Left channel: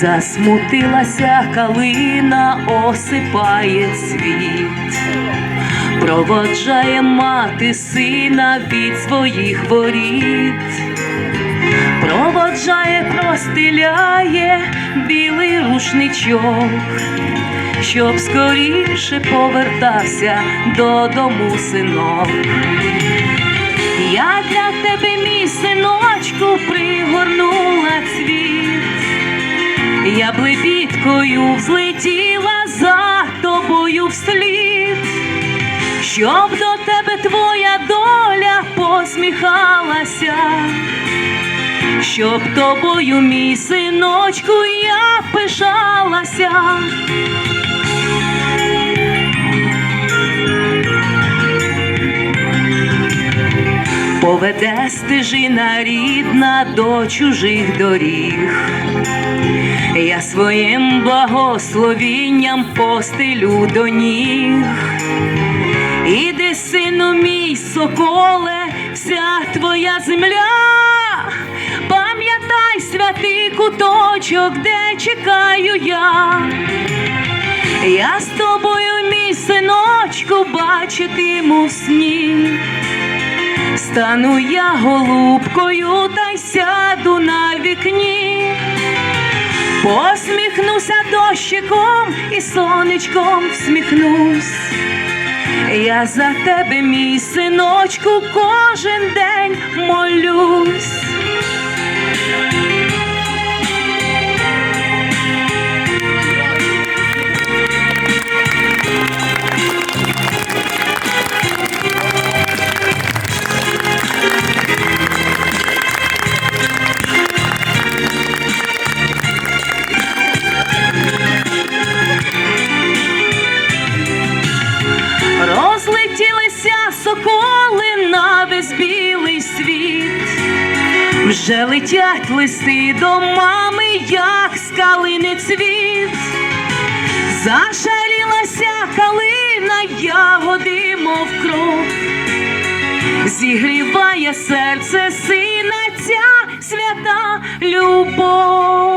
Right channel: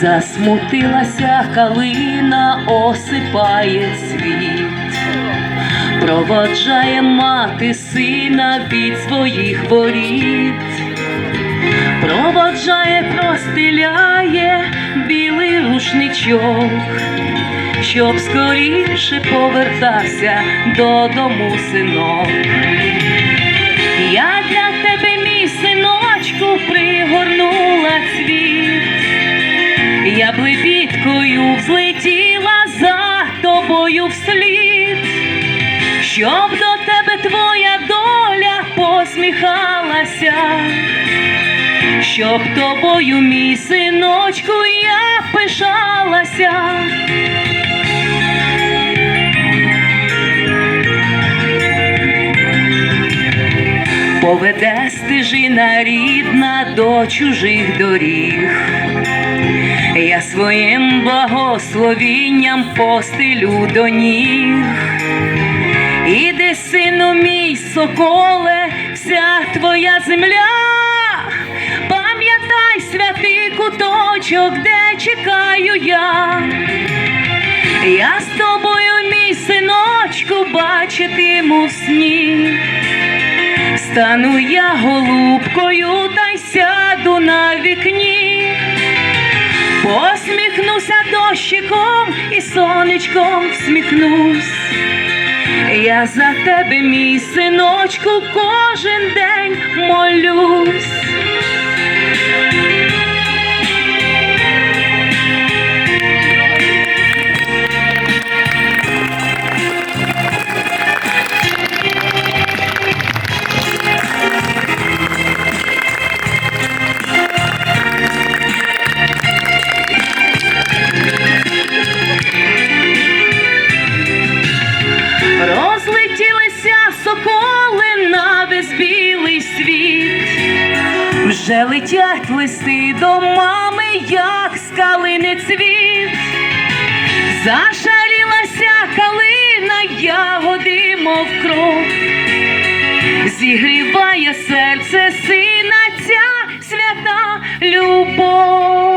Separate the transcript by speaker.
Speaker 1: Засмутилася калина, осипає світ, проводжає мати сина від своїх воріт, проводжає, простеляє білий рушничок, щоб скоріше повертався додому синок. Я для тебе, мій синочку, пригорнула цвіт. Я блебіткою взлетіла за тобою вслід, щоб до тебе твоя доля посміхалася, щоб тобою, мій синочку, я пишалася. Поведе стежина рідна до чужих доріг. Я своїм благословінням постелю до ніг. Іди, сину мій соколе, вся твоя земля, пам'ятай святий куточок, де чекаю я. Я з тобою, мій синочку, бачитиму в сні. Стану я голубкою та й сяду на вікні. Посміхнуся дощиком і сонечком всміхнусь. Я за тебе, мій синочку, кожен день соколи на весь білий світ, вже летять листи до мами, як скалини цвіт, зашарілася калина, ягоди, мов кров, зігріває серце сина ця свята любов.